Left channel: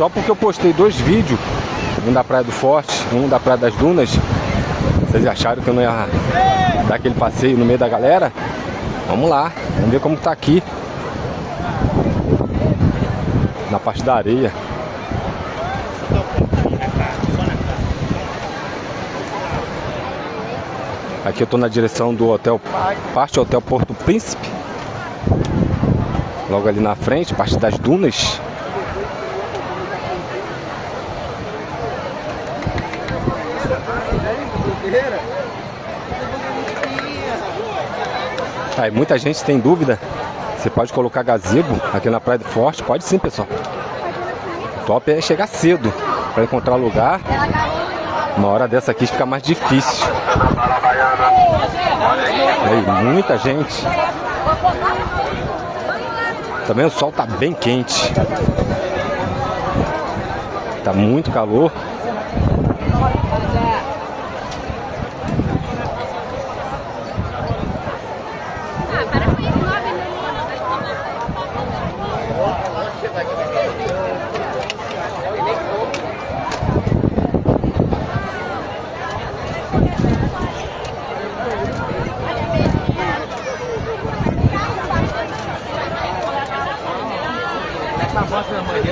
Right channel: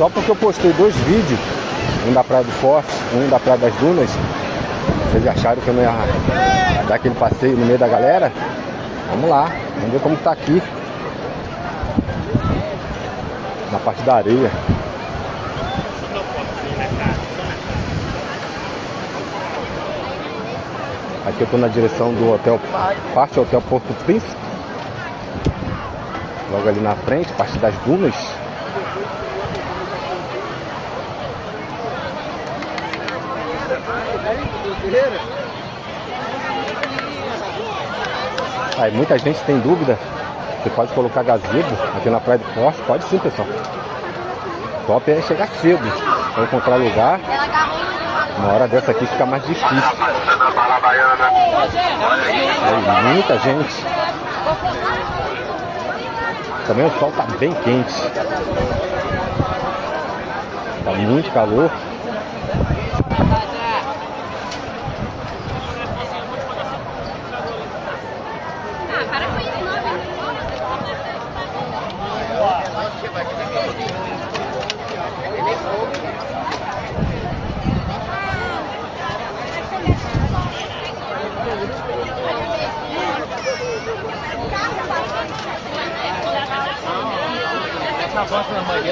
Só porque eu postei 2 vídeos, um da Praia do Forte, um da Praia das Dunas. Vocês acharam que eu não ia dar aquele passeio no meio da galera? Vamos lá, vamos ver como tá aqui. Na parte da areia. Aqui eu tô na direção do hotel, parte do Hotel Porto Príncipe. Logo ali na frente, parte das dunas. Aí muita gente tem dúvida. Você pode colocar gazebo aqui na Praia do Forte? Pode sim, pessoal. O top é chegar cedo para encontrar lugar. Uma hora dessa aqui fica mais difícil. Aí, muita gente. Também o sol tá bem quente. Tá muito calor. Essa bosta da mãe dele.